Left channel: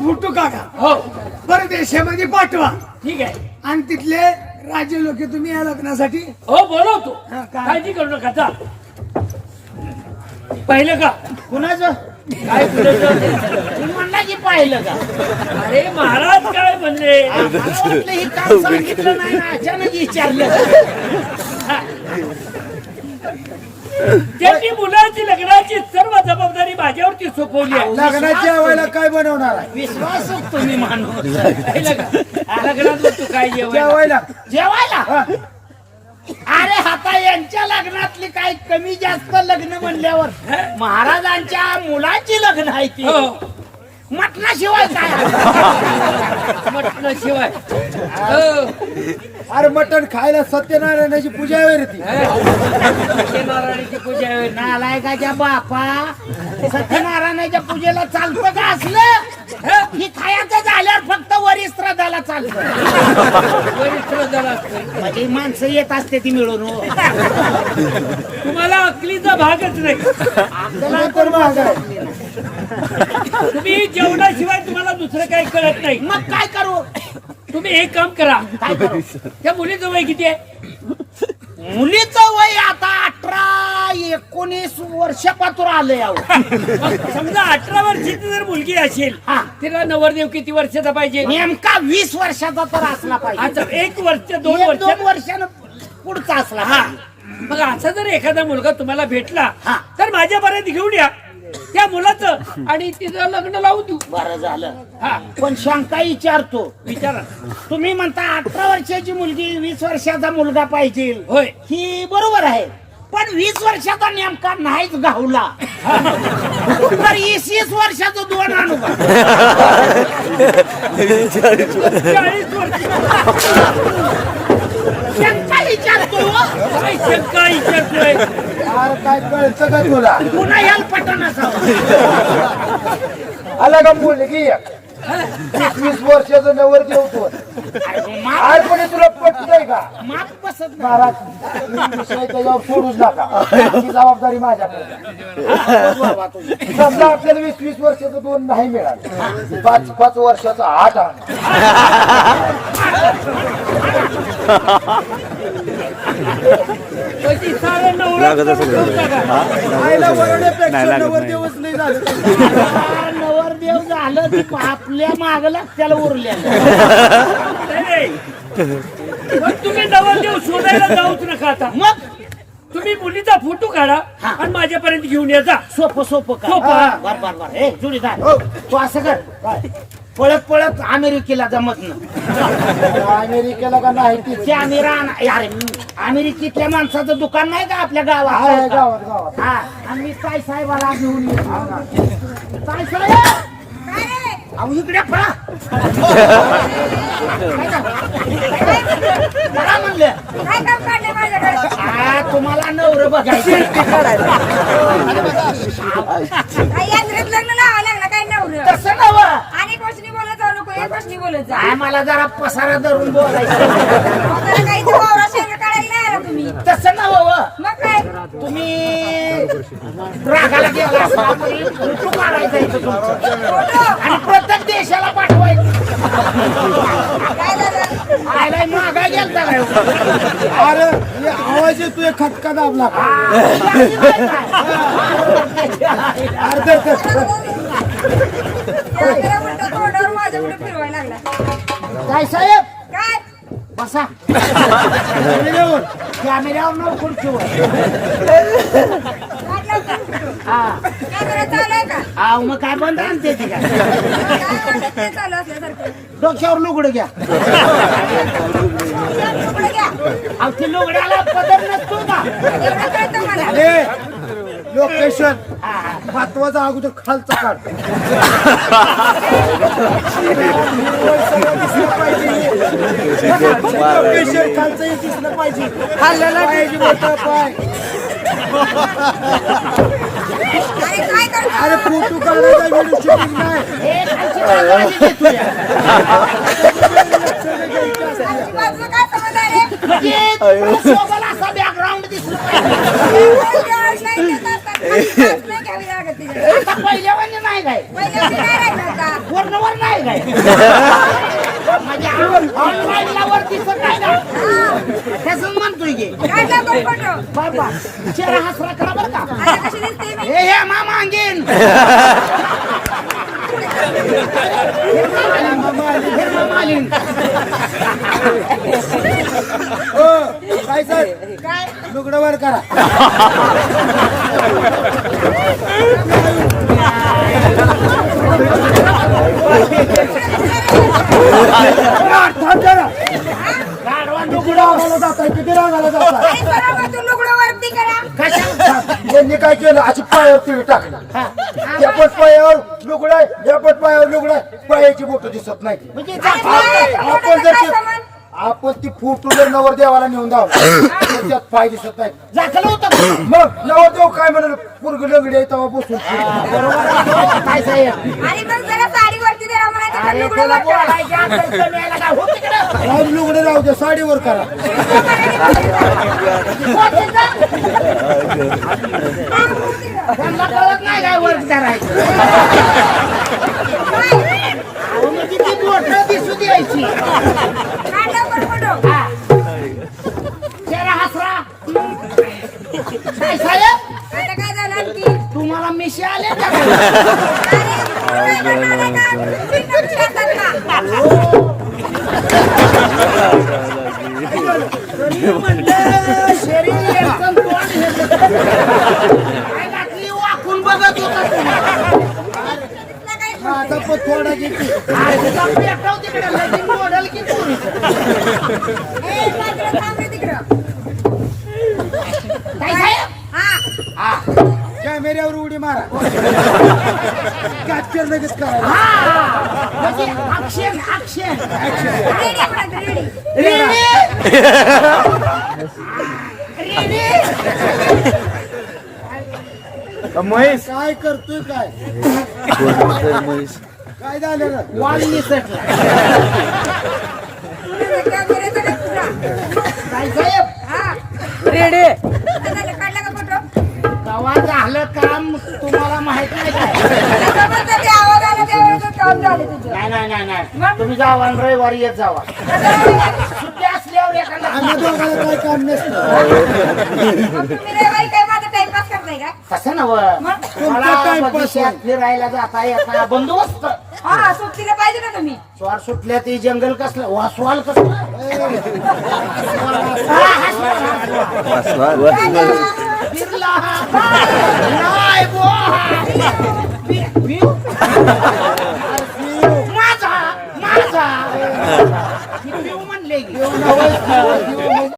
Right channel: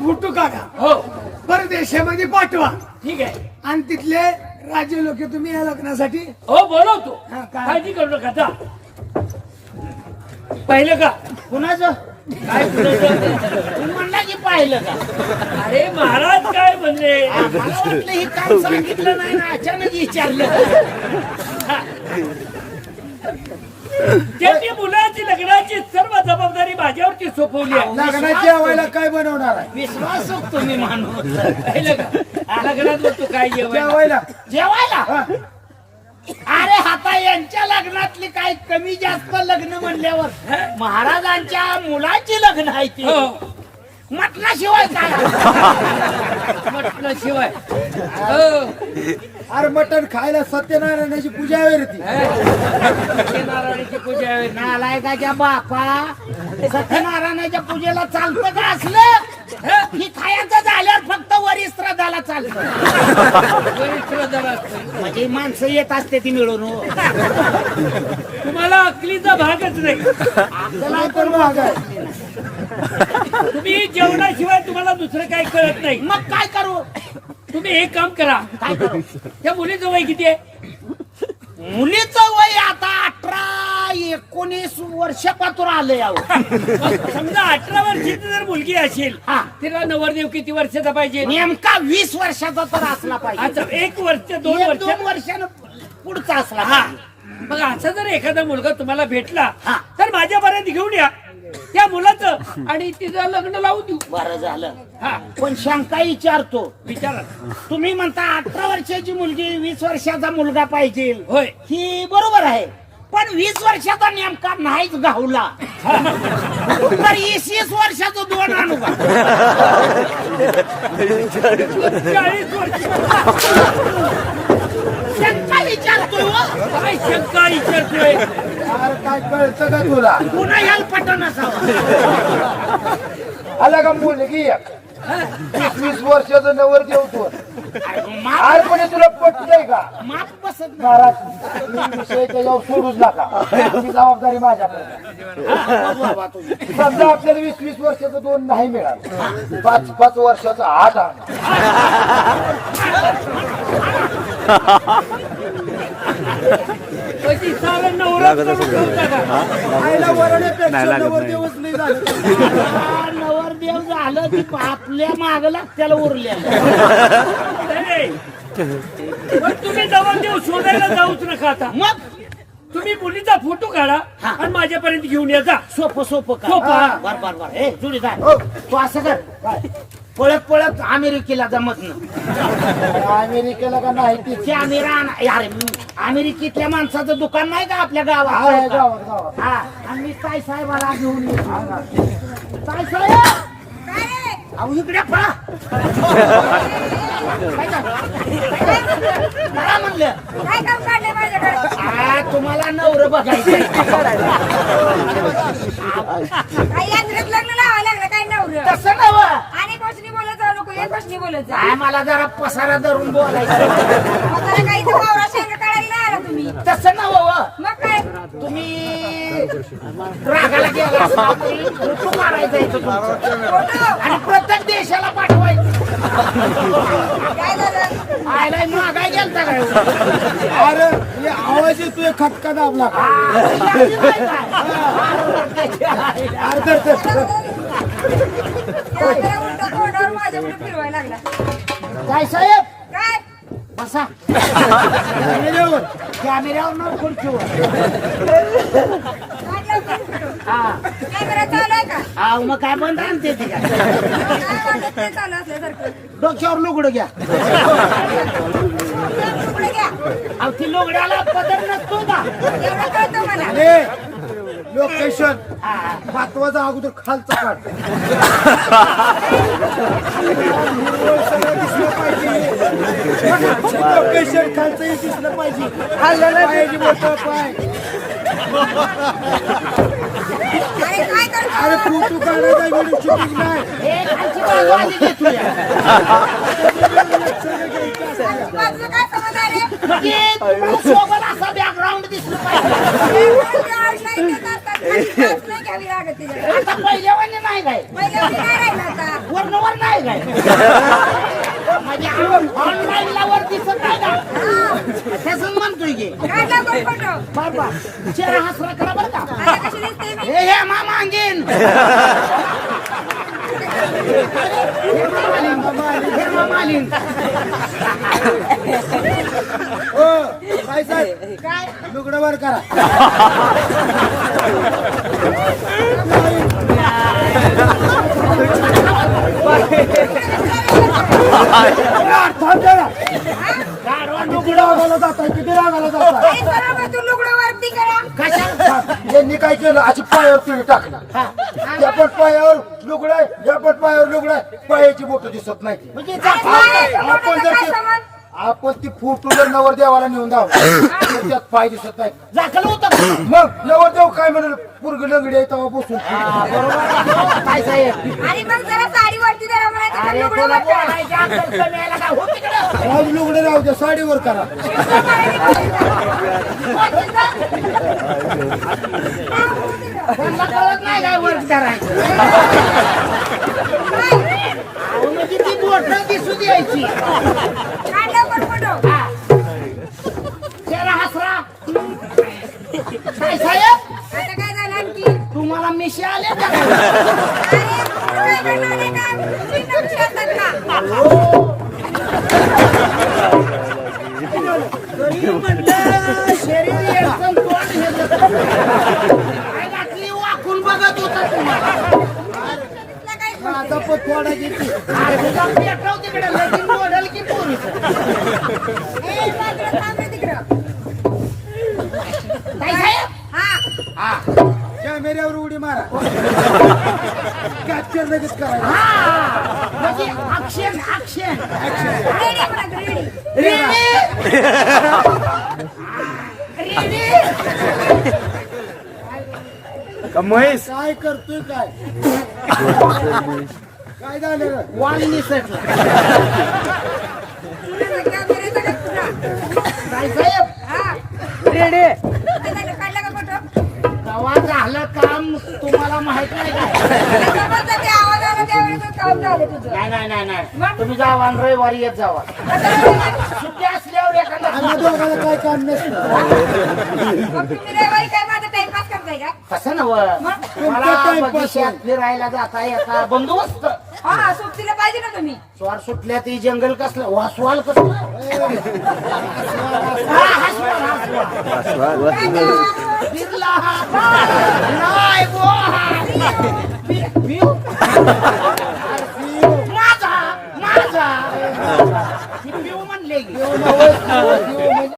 Photo काढा हो. परदेशामध्ये पाठवा. ठीक आहे. आणि तिथले राज्य लोक तुम्ही या लग्नासाठी. हो बोलवतो. हा, काय? काळजी करू नका जा. पाहिलं का? कुणाचं? काय कुणाचं? तुम्ही म्हणला की पाहिलं का? अरे महाराज काय म्हणले? मला वाटलं हे काम सांगितलं नाही ना अचानक विचारलं. त्यांनी मुलाची लग्नाची सर्व जबाबदारी माझ्यावरती सोपवली आहे. लग्नाच्या वेळेला काय बनवणार आहे? विश्वास तुम्ही माणूस. पाहिलं का? लग्नात मग तू काय जेवायला. जेवायला. जेवायला? अरे आता यांच्या लग्नातली काय कमी जास्त लग्न म्हणल्यावर महाराजांच्या मुलाची लग्न आहे ती. हो. मटणाशिवाय काय? म्हटल्याशिवाय हो. अरे मटण खायला सत्यनारायणाची पूजा आहे रे ती. सत्यनारायणाची पूजा आहे. नालायकाच्या बापा सत्यनारायणाच्या पूजेला चालतं का असलं? ही? खायचं झाल्यावर फक्त वरिश्रदाला चालतं. बरीच श्रद्धा असते. म्हणजे माणसं येत असते ती मिळून हो. तुम्हाला अकलीचा भागच नाही. आपल्याला तर महाग आहे. तुम्ही जेवणाशिवाय तुम्हाला दुसरं काही कळत नाही. मग काय करू? तुम्ही एक काम करा. काय करू? त्या मुलीचं वय किती आहे? मुलीचं वय आता अठरा एकोणीस वर्षापासून आलं यावं मग समजा अठरा वर्षाची जर मुलगी असेल हा. तिला नवरदेव किती वर्षाचा पाहिजे? नेमका वीस वर्षाचा तर असला पाहिजे. आता एक वर्ष दोन एक वर्ष? दोन वर्षानं पुढचा असला हा. पाहिजे. मग असा जर एखादा मुलगा तुम्हाला भेटला हा. तर माझ्यापर्यंत घेऊन या. त्या मुलाचं. आणि तिचं लग्न लावून देऊ. बरं झालं. हा. पण शंका विचारतो. विचारा. तुम्ही म्हणता अठरा वर्षाची मुलगी वीस वर्षाचा मुलगा पाहिजे. होय. ही बरोबर आहे. पण वीस वर्षाचा नेमका नाहीच गावला तर वीस वर्षाचं दोन आणू का चाळीस वर्ष. हो. काय शंका विचारतोय अरे काय कळतं का तुला पुन्हा पटन असावं आला का मुलगी एक. वीस वीस वर्षाचं नवर देवतो आज पण तुला पटतंय का? माप बसत नाही. महाराज विषय त्याच्यावर सोडूच नका. ही जबाबदारी माझ्याकडे. बघू बाबा तुम्ही. समजा आपल्याला वीस वीस वर्षाचं दोन नाही मिळालं. पाच पाच वर्षाचं आठ आणा. त्याची सारं नवरात करून ठेवता का आईला वरण्यापेक्षा नवर देवच नाही झालं. हा, झालं ती आपल्या मागला त्याला उरलेलं. नाही. पण तुम्ही नवरदेव शोधायला जाऊच नका आता. मग? तुम्ही मुलीचा फोटो काढा हा. आणि माझ्यापर्यंत घेऊन या जा. सोपं सोपं सोपं. हा, बर बर बर. ए जुडीदार तू असं कर. काय? पळत पळत अमेरिकेला जमत ना अमेरिकेला का नाही? ती ते अमेरा अरे अमेरिकेतल्या माणसाचं दुकान नाही का आपल्या गावात? गावात गावात. हा. आणि मी ताई साहेबाला घेऊन येतो. ताई साहेब अहो इकडे पळा. काय झालं? पळा म्हणलं. काय काम काढले माझ्याकडे? आ, तुम्हाला नवर बघायचं काय यात्रेत लग्न लावा लागला? काय नवर? तसं नव आणि गोष्टी बोलत जाऊ नको एक गोष्टी बोलत जा. आम्हाला जरा पसारा धरून बोलायचं. वगैरे काही इथं वावरा शेंगा काढायला नाही आला तुम्ही. तसं नव मग काय? तुम्ही रागाला गेला काढायचा इथं तुमचं? फोटो आणि प्रत्येक देशाला पाठवायचं. काय झालं? आयला मागा गेलता काय अरे हे आवाज येतोय खटका दाबला. का अरे धर, धर, धर. त्या उलट तोंडावर माझ्या पुढे फिरवायला लागला. काय साहेब? काय? बसा. कॅमेऱ्यावर. कॅमेऱ्यावर न खुर्चीवर तू हा. कॅमेरा चालू आहे का? अहो मग काय बंद आणते ती काय? काय वाटत ते चालू असल्यासारखं? डोक्यावर लुगडं घ्या. घ्या. अहो ती लुगड्याला पदर नसतो का? एवढं कळतं मला. अरे लोकेशन. महत्त्वाचा अगोदर खालचा काढ. दिसलं पाहिजे. लोकेशन खालचंही दिसलं पाहिजे. पायाची मोठं पाय अरे फोटो काढायचा व्हिडिओ शूटिंग नाही. खालची बॅकग्राऊंड दिसलं पाहिजे? नाही घ्यावी लागत. आता पहिल्यावाने नाही काय? काय राहिलं आता काय? म्हणजे ऑनलाईन ला वर दिसत नाही का हा. त्याच म्हणतोय की काढला कोण फोटो. बर बर चेहरा हसरा करा बरं का. आता कशी दिसते मी? हे हे मामा अंगीन. हे मामा काय काय? किती रागाला जाताय? यांनी काय केलं? अशी पायावर टाकलं. या पण पायावर लुगडं आहे या पण पायावर लुगडं आहे. पायाची बोट दिसत नाही. म्हणजे? आपण जर ते-? आपण ती फोटो जर नवर देवाला नेऊन धावला त्यात पाय दिसत नाही. झाकलं होतं का? मग नवरदेव काय म्हणाल? पूर्ग लंगडी आहे तेव्हा बसून. हा, बरोबर आहे. काय साहेब? अरे कमी का? हो तिकडं. राज लुगडे राहू दे साडीवर करा कळत नाही वर्क करायचं दिसू द्यायची हसरा काय साहेब आता काय झालं आणखी तुम्हाला मिशी आले का काय? अरे तू काय करणार आहे का मुलींना विचारतात का तरी म्हणलं शरीर एकदम तोंड हे काय बाटली वाकून बघत होता पण थोडा घेते तिकडे. लगीन मॉडेल की पोरीचं हा. हा. कॅमेऱ्यावर उडी मारा. कॅप्चर लगेच करायला. हा. म्हणजे रेडी महेश? काय करतोय काय? काय झालं? वाल निसटला हा. रेडे तेव्हा झालं काम तुम्हाला माहीत नाही काय? आता म्हणतात ते आवाज आला त्यावेळेस काम झालं तुझं नाही नाही नाही नाही. तुम्ही जावा आणि रविवारी येत जावा. सुट्टी असल्यावर एखादा आम्ही दोघांना काय काम नसतं. मग तुम्ही रविवारी काय माझा टाइमपास करताय का तसं नव तुमचा मला टाइमपास बगीच्यात फिरायला जाता येता बंदोबस्त. हा सोबतीला पाहिजे ना तुम्ही स्वार सुटल्या ती जंगल कसलं? वासवाल कसलं? हा. काय? बिर्ला हा पाय, नाही बो हा. बि- बिव? माझा माझा बिव म्हणले की